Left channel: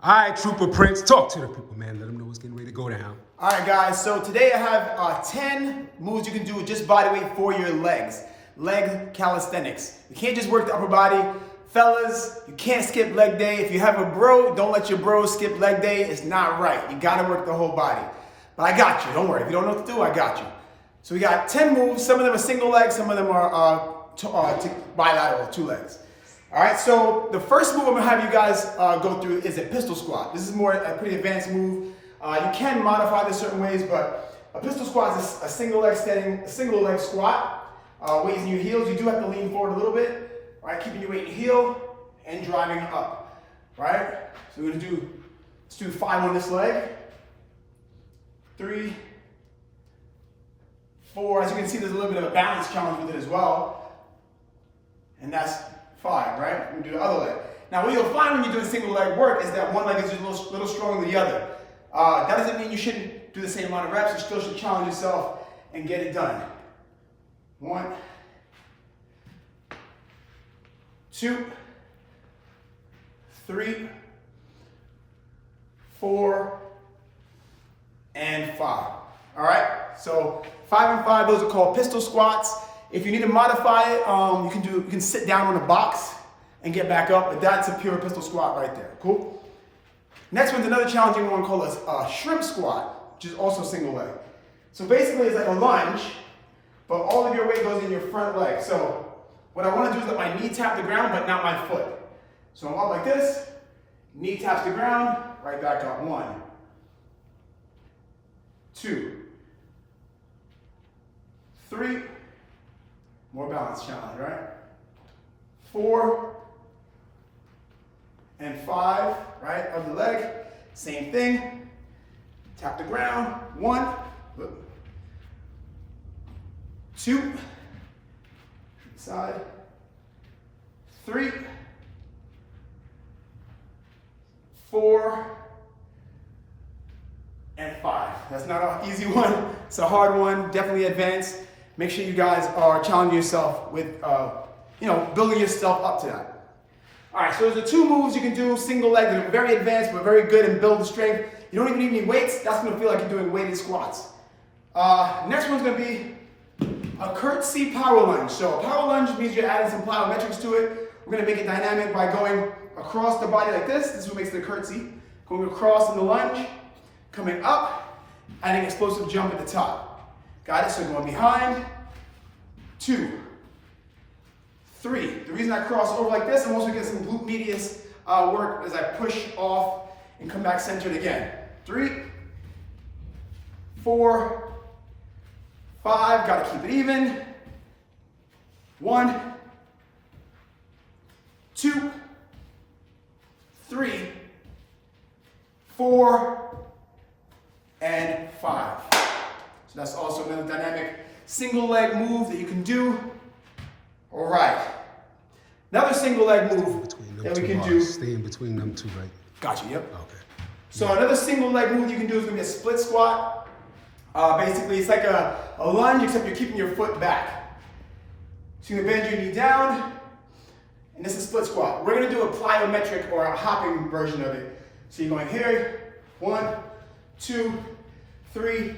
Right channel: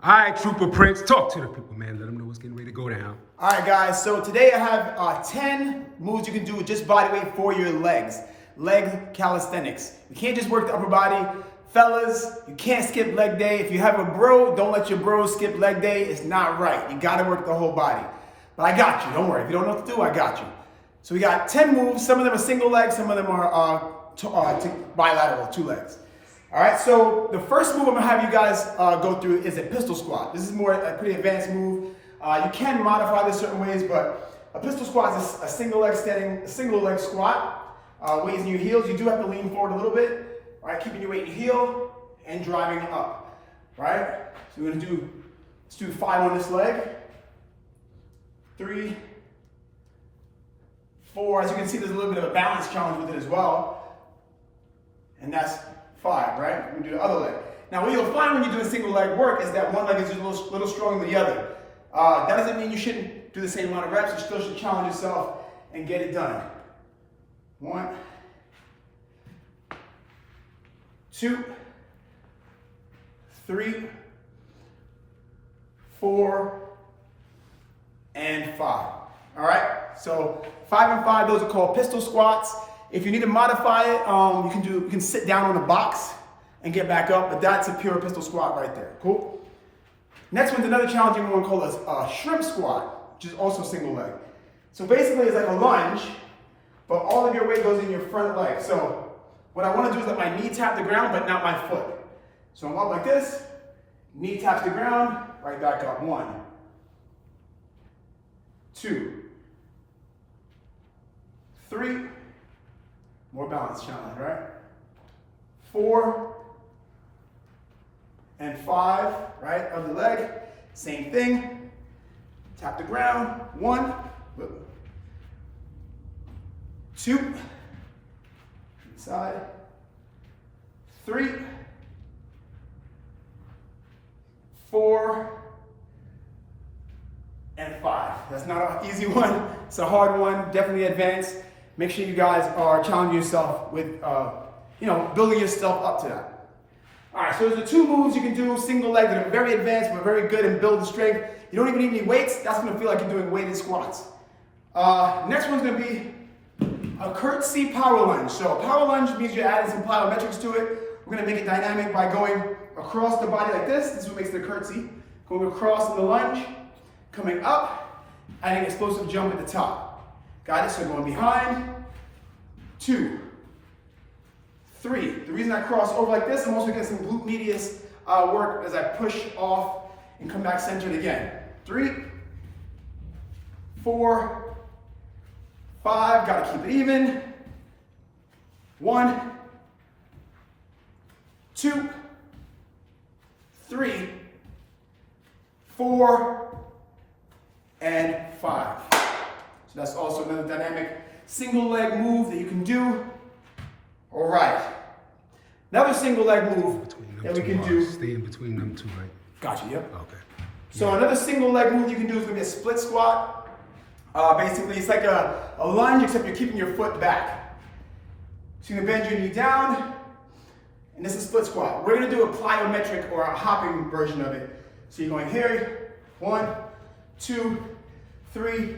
All right, Trooper Prince, talk to the people, man. Let them know what's getting ready to go down. All right, guys. So today I have 10 moves you can do with just body weight for your legs. Leg calisthenics. You can't just work the upper body. Fellas, you can't skip leg day. If you have a bro, don't let your bro skip leg day. It's not right. You got to work the whole body. But I got you. Don't worry. If you don't know what to do, I got you. So we got 10 moves. Some of them are single leg. Some of them are bilateral, 2 legs. All right, so the first move I'm gonna have you guys go through is a pistol squat. This is more a pretty advanced move. You can modify this certain ways, but a pistol squat is a single leg squat. Weight is in your heels. You do have to lean forward a little bit, all right? Keeping your weight in your heel and driving up, right? So we're gonna let's do 5 on this leg. 3, 4. As you can see, there's a little bit of a balance challenge with it as well. And that's 5, right? We do the other leg. Now, what you'll find when you're doing single leg work is that one leg is just a little stronger than the other. That doesn't mean you shouldn't do the same amount of reps. You still should challenge yourself and get it done. 1, 2, 3, 4, and 5. All right? So 5 and 5, those are called pistol squats. If you need to modify it, you can sit down on the box and get back up, but that's a pure pistol squat right there. Cool? Next one's another challenging one called a shrimp squat, which is also single leg. So basically it's like a lunge, but all of your weight goes in your front leg. So what I want to do is let my knee tap the ground, but not my foot. So I'm up like this, knee taps the ground, right back up. 1, 2, 3, more balance challenge, right? 4 and 5, right? Other leg, same thing. Tap the ground. 1, 2, side, 3, 4, and 5. That's not an easy one. It's a hard one, definitely advanced. Make sure you guys are challenging yourself with, building yourself up to that. All right, so there's the 2 moves you can do, single leg, that are very advanced but very good and build the strength. You don't even need any weights. That's gonna feel like you're doing weighted squats. Next one's gonna be a curtsy power lunge. So a power lunge means you're adding some plyometrics to it. We're gonna make it dynamic by going across the body like this. This is what makes the curtsy. Going across in the lunge, coming up, adding explosive jump at the top. Got it? So going behind, 2, 3. The reason I cross over like this, I'm also getting some glute medius work as I push off and come back centered again. 3, 4, 5. Got to keep it even. 1, 2, 3, 4, and 5. So that's also another dynamic single leg move that you can do. All right. Another single leg move that we can do. Stay in between them 2, right? Gotcha, yep. Okay. So another single leg move you can do is gonna be a split squat. Basically, it's like a lunge, except you're keeping your foot back. So you're gonna bend your knee down, and this is split squat. We're gonna do a plyometric or a hopping version of it. So you're going here, 1, 2, 3,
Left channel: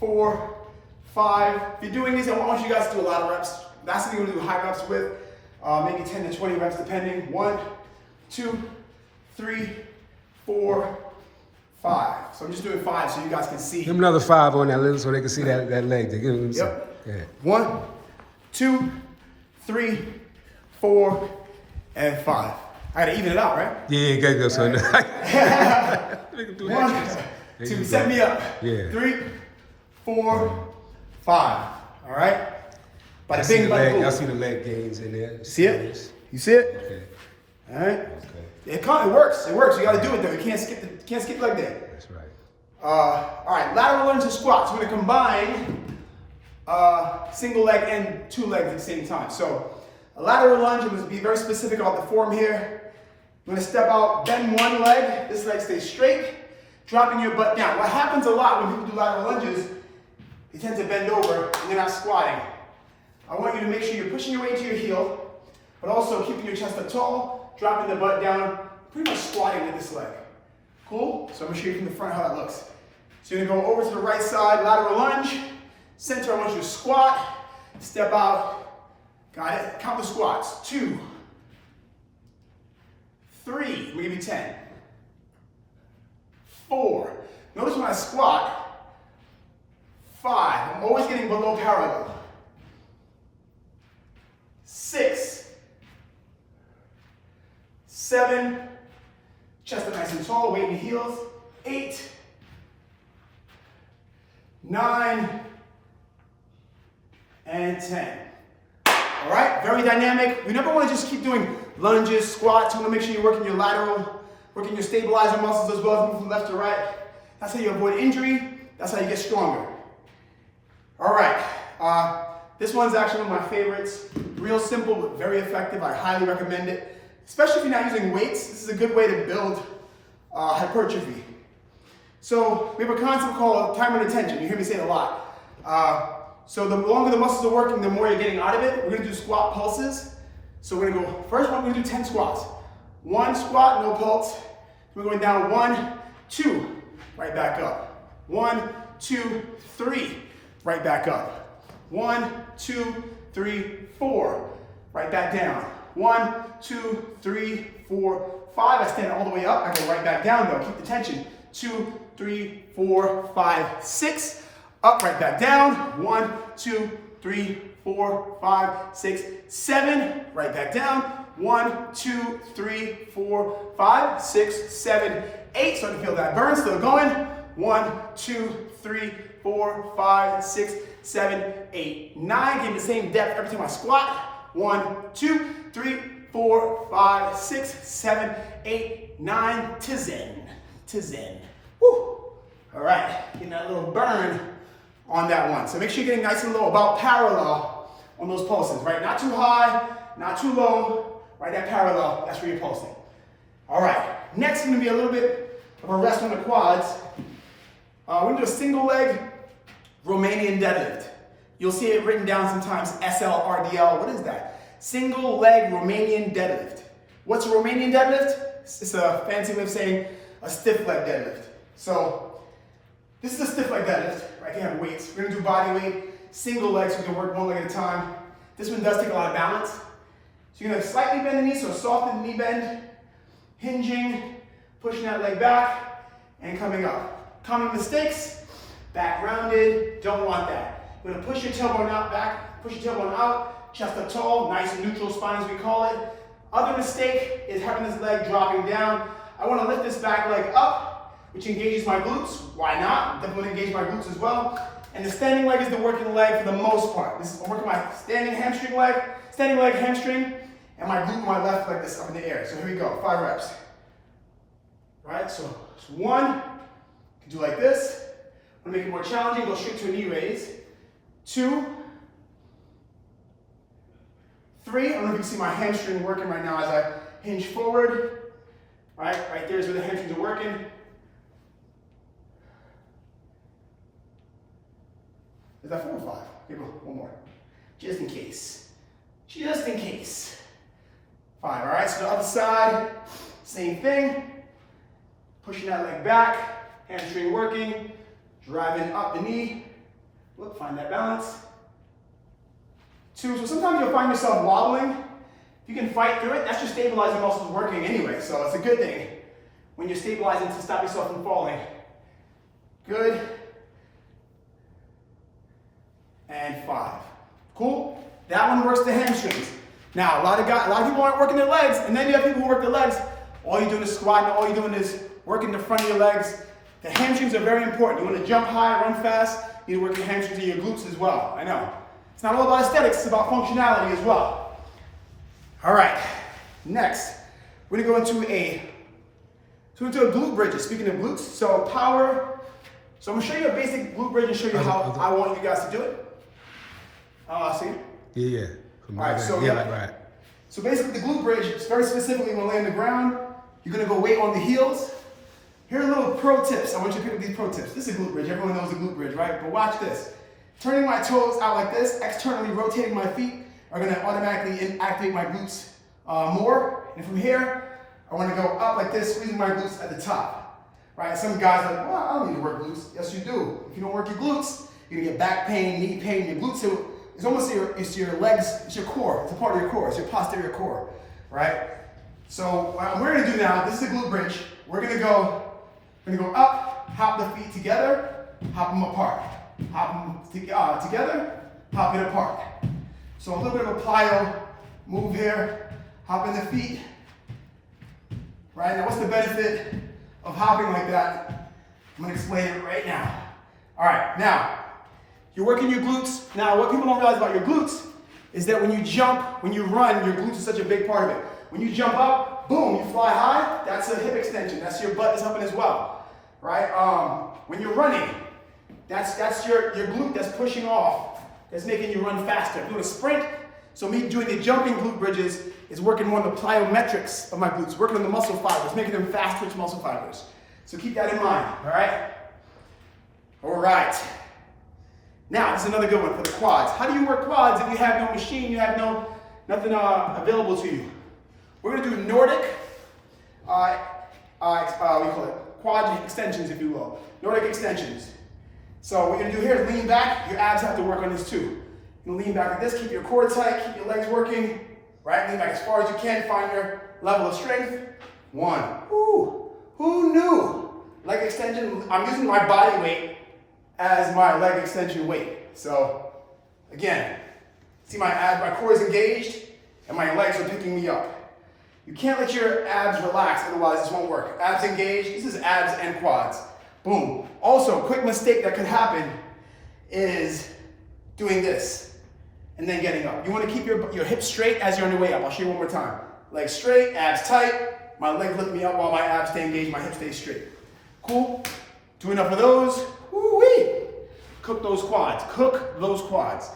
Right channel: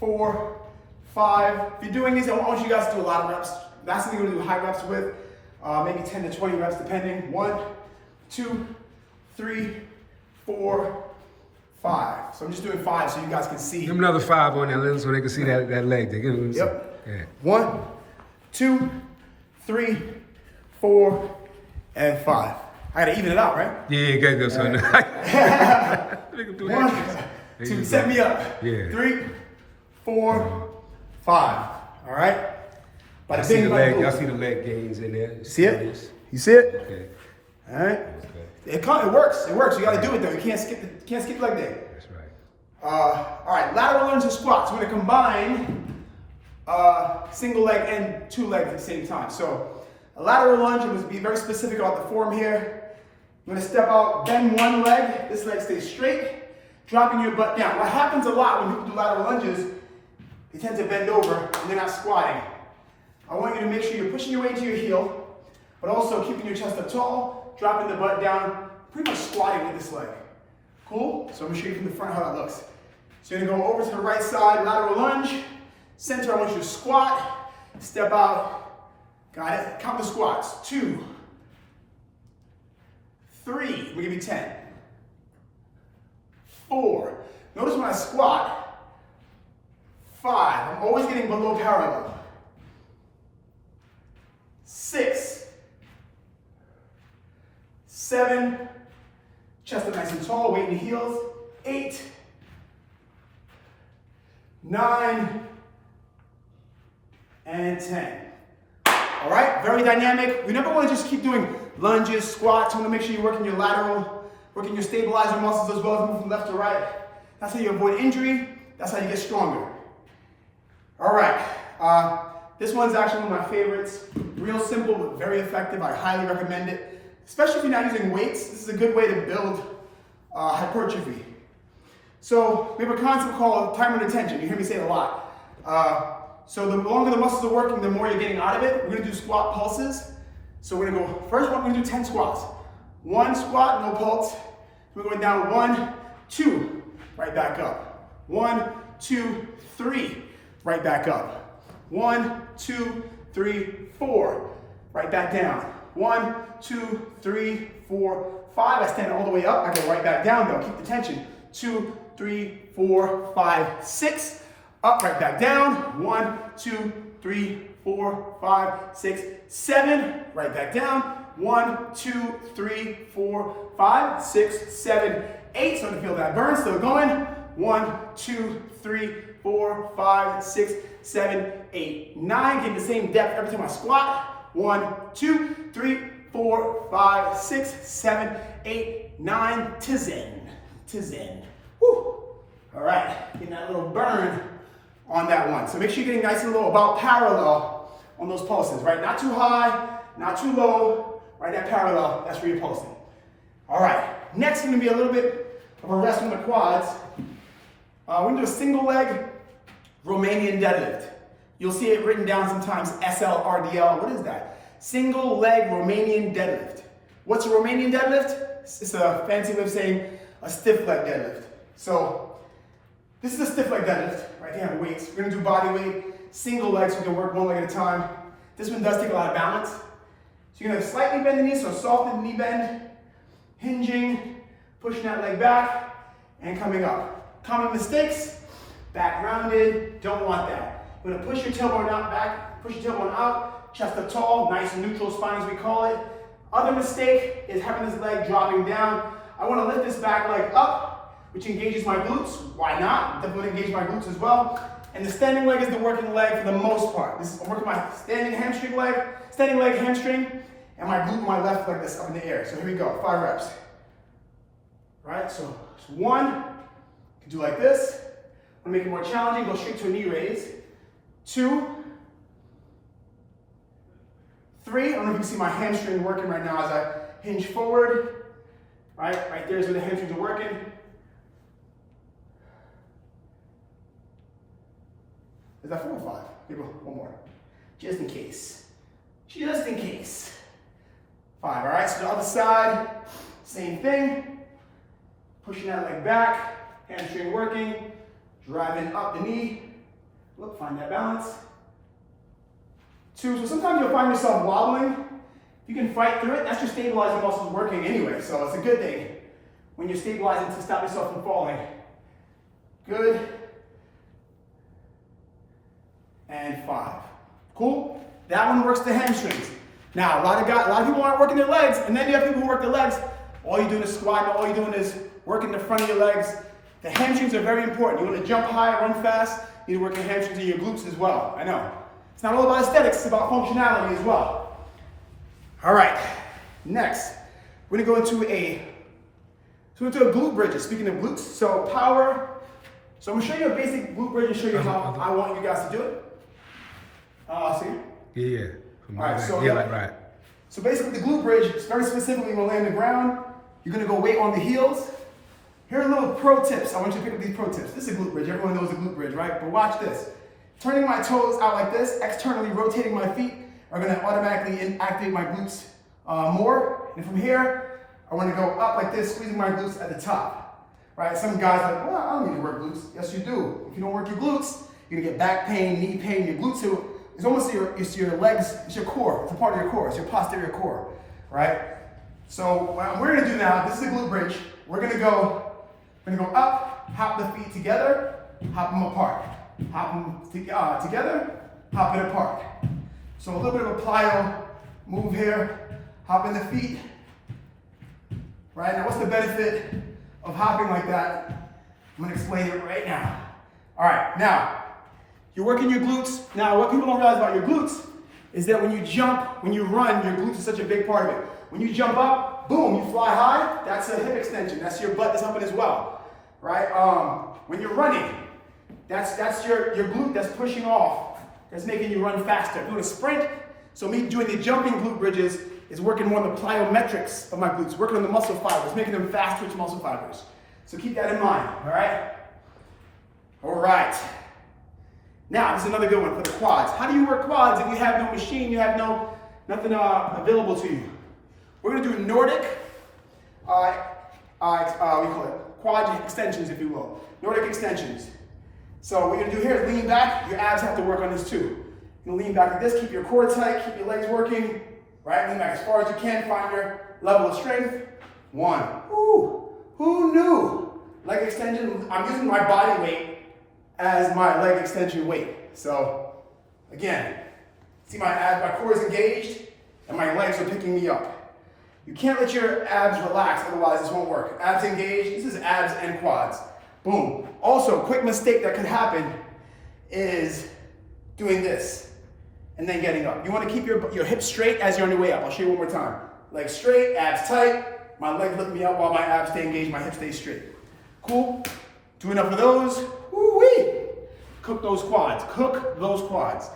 4, 5. If you're doing these, I want you guys to do a lot of reps. That's something you're gonna do high reps with, maybe 10 to 20 reps depending. 1, 2, 3, 4, 5. So I'm just doing 5 so you guys can see. Give them another 5 on that little so they can see that leg. They give them Yep. Yeah. 1, 2, 3, 4, and 5. I gotta even it out, right? Yeah, you gotta go, son. Make them do 1, that. 2, set me up. Yeah. 3, 4, 5. All right? I see the leg. I see the leg gains in there. See it? You see it? Okay. All right. Okay. It works. It works. You got to do it though. You can't skip leg day. That's right. All right. Lateral lunge and squats. We're gonna combine single leg and 2 legs at the same time. So a lateral lunge. I'm gonna be very specific about the form here. I'm gonna step out, bend one leg. This leg stays straight, dropping your butt down. What happens a lot when people do lateral lunges, they tend to bend over and they're not squatting. I want you to make sure you're pushing your way into your heel, but also keeping your chest up tall, dropping the butt down, pretty much squatting with this leg. Cool? So I'm gonna show you from the front how that looks. So you're gonna go over to the right side, lateral lunge. Center, I want you to squat, step out. Got it? Count the squats. 2, 3, I'm gonna give you 10. 4. Notice when I squat, 5, I'm always getting below parallel. 6, 7, chest up nice and tall, weight in the heels. 8, 9, and 10. All right, very dynamic. We never want to just keep doing lunges, squats. You want to make sure you're working your lateral, working your stabilizer muscles as well as moving from left to right. That's how you avoid injury. That's how you get stronger. All right, this one's actually one of my favorites. Real simple, but very effective. I highly recommend it, especially if you're not using weights. This is a good way to build hypertrophy. So we have a concept called time under tension. You hear me say it a lot. So the longer the muscles are working, the more you're getting out of it. We're gonna do squat pulses. So we're gonna go, first one, we're gonna do 10 squats. 1 squat, no pulse. We're going down 1, 2, right back up. 1, 2, 3, right back up. 1, 2, 3, 4, right back down. 1, 2, 3, 4, 5. I stand all the way up. I go right back down though. Keep the tension. 2, 3, 4, 5, 6. Up, right back down. 1, 2, 3, 4, 5, 6, 7. Right back down. 1, 2, 3, 4, 5, 6, 7, 8. Starting to feel that burn. Still going. 1, 2, 3, 4, 5, 6, 7, 8, 9. Getting the same depth every time I squat. 1, 2, 3, 4, 5, 6, 7, 8, 9. To zen. To zen. Woo. All right. Getting that little burn on that one. So make sure you're getting nice and low, about parallel on those pulses, right? Not too high, not too low, right? That parallel, that's where you're pulsing. All right. Next is going to be a little bit of a rest on the quads. We're going to do a single leg Romanian deadlift. You'll see it written down sometimes, SLRDL. What is that? Single leg Romanian deadlift. What's a Romanian deadlift? It's a fancy way of saying a stiff leg deadlift. So this is a stiff leg deadlift, right? They have weights. We're gonna do body weight, single leg, so we can work one leg at a time. This one does take a lot of balance. So you're gonna slightly bend the knee, so soften the knee bend, hinging, pushing that leg back, and coming up. Common mistakes, back rounded, don't want that. You're gonna push your tailbone out back, push your tailbone out, chest up tall, nice and neutral spine as we call it. Other mistake is having this leg dropping down. I wanna lift this back leg up, which engages my glutes. Why not? Definitely engage my glutes as well. And the standing leg is the working leg for the most part. I'm working my standing leg hamstring, and my glute on my left leg that's up in the air. So here we go, 5 reps. Right, so 1, you can do like this. I'm gonna make it more challenging, go straight to a knee raise. 2, 3, I don't know if you can see my hamstring working right now as I hinge forward. Right there is where the hamstrings are working. Is that 4 or 5? Here we go, one more. Just in case. Just in case. 5, all right? So the other side, same thing. Pushing that leg back, hamstring working, driving up the knee. Look, find that balance. 2, so sometimes you'll find yourself wobbling. You can fight through it. That's your stabilizing muscles working anyway, so it's a good thing when you're stabilizing to stop yourself from falling. Good. And 5. Cool? That one works the hamstrings. Now, a lot of people aren't working their legs, and then you have people who work their legs. All you're doing is squatting, all you're doing is working the front of your legs. The hamstrings are very important. You want to jump high, run fast, you need to work your hamstrings and your glutes as well. I know. It's not all about aesthetics, it's about functionality as well. All right, next, we're gonna go into a glute bridge. Speaking of glutes, so power. So I'm gonna show you a basic glute bridge and show you how I want you guys to do it. See? Yeah. All right, so yeah. So basically the glute bridge, very specifically when we lay on the ground, you're gonna go weight on the heels. Here are little pro tips. I want you to pick up these pro tips. This is a glute bridge. Everyone knows a glute bridge, right? But watch this. Turning my toes out like this, externally rotating my feet, are gonna automatically activate my glutes more. And from here, I wanna go up like this, squeezing my glutes at the top. right? Some guys are like, well, I don't need to work glutes. Yes, you do. If you don't work your glutes, you're gonna get back pain, knee pain. Your glutes it's almost your legs, it's your core. It's a part of your core. It's your posterior core, right? So what we're gonna do now, this is the glute bridge. We're gonna go up, hop the feet together, hop them apart. Hop them together, hop it apart. So a little bit of a plyo move here. Hop in the feet. Right, now what's the benefit of hopping like that? I'm gonna explain it right now. All right, now, you're working your glutes. Now, what people don't realize about your glutes is that when you jump, when you run, your glutes are such a big part of it. When you jump up, boom, you fly high, that's a hip extension. That's your butt that's helping as well, right? When you're running, that's your glute that's pushing off, that's making you run faster. Doing a sprint, so me doing the jumping glute bridges is working more on the plyometrics of my glutes, working on the muscle fibers, making them fast twitch muscle fibers. So keep that in mind, all right? All right. Now, this is another good one for the quads. How do you work quads if you have no machine, you have nothing available to you? We're gonna do Nordic, we call it quad extensions, if you will. Nordic extensions. So what you're gonna do here is lean back. Your abs have to work on this too. You lean back like this, keep your core tight, keep your legs working, right? Lean back as far as you can, find your level of strength. 1. Ooh, who knew? Leg extension, I'm using my body weight as my leg extension weight. So again, see my abs, my core is engaged and my legs are picking me up. You can't let your abs relax, otherwise this won't work. Abs engaged, this is abs and quads. Boom. Also, quick mistake that could happen is doing this and then getting up. You want to keep your hips straight as you're on your way up. I'll show you one more time. Legs straight, abs tight. My legs lift me up while my abs stay engaged, my hips stay straight. Cool? Do enough of those. Woo-wee. Cook those quads. Cook those quads.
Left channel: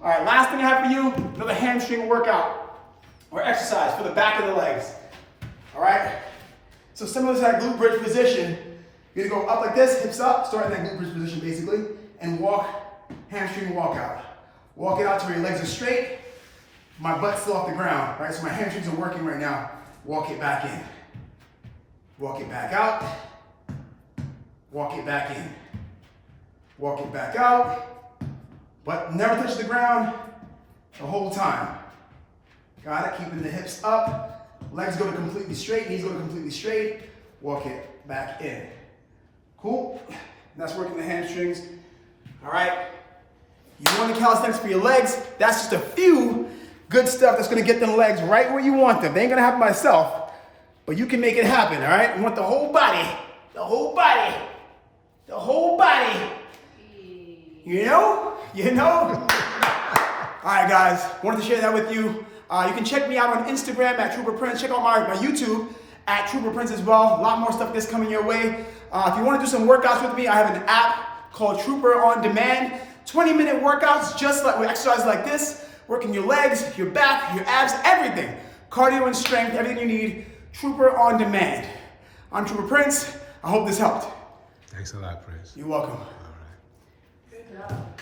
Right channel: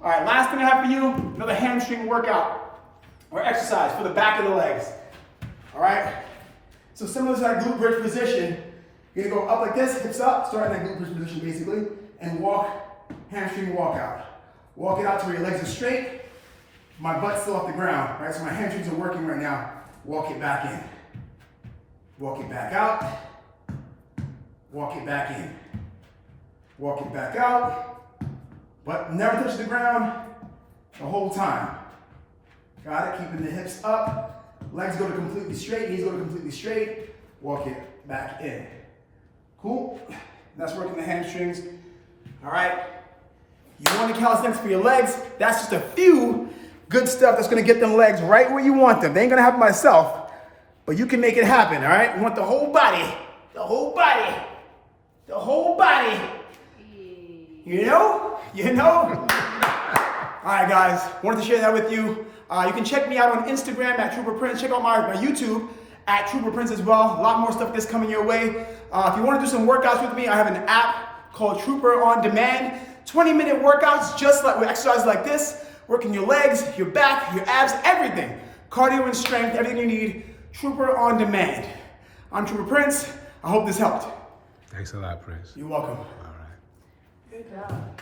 All right, last thing I have for you, another hamstring workout or exercise for the back of the legs. All right? So similar to that glute bridge position, you're gonna go up like this, hips up, start in that glute bridge position basically, and walk, hamstring walk out. Walk it out to where your legs are straight, my butt's still off the ground, right? So my hamstrings are working right now. Walk it back in. Walk it back out. Walk it back in. Walk it back out. But never touch the ground the whole time. Got it? Keeping the hips up. Legs go to completely straight, knees go to completely straight. Walk it back in. Cool? That's working the hamstrings. All right? You want the calisthenics for your legs? That's just a few good stuff that's gonna get them legs right where you want them. They ain't gonna happen myself, but you can make it happen, all right? You want the whole body, the whole body, the whole body. You know? You know? All right, guys, wanted to share that with you. You can check me out on Instagram at RipRight. Check out my YouTube at RipRight as well. A lot more stuff that's coming your way. If you want to do some workouts with me, I have an app called Trooper On Demand. 20-minute workouts just like with exercises like this, working your legs, your back, your abs, everything. Cardio and strength, everything you need. Trooper On Demand. I'm RipRight. I hope this helped. Thanks a lot, Prez. You're welcome. All right. Good job.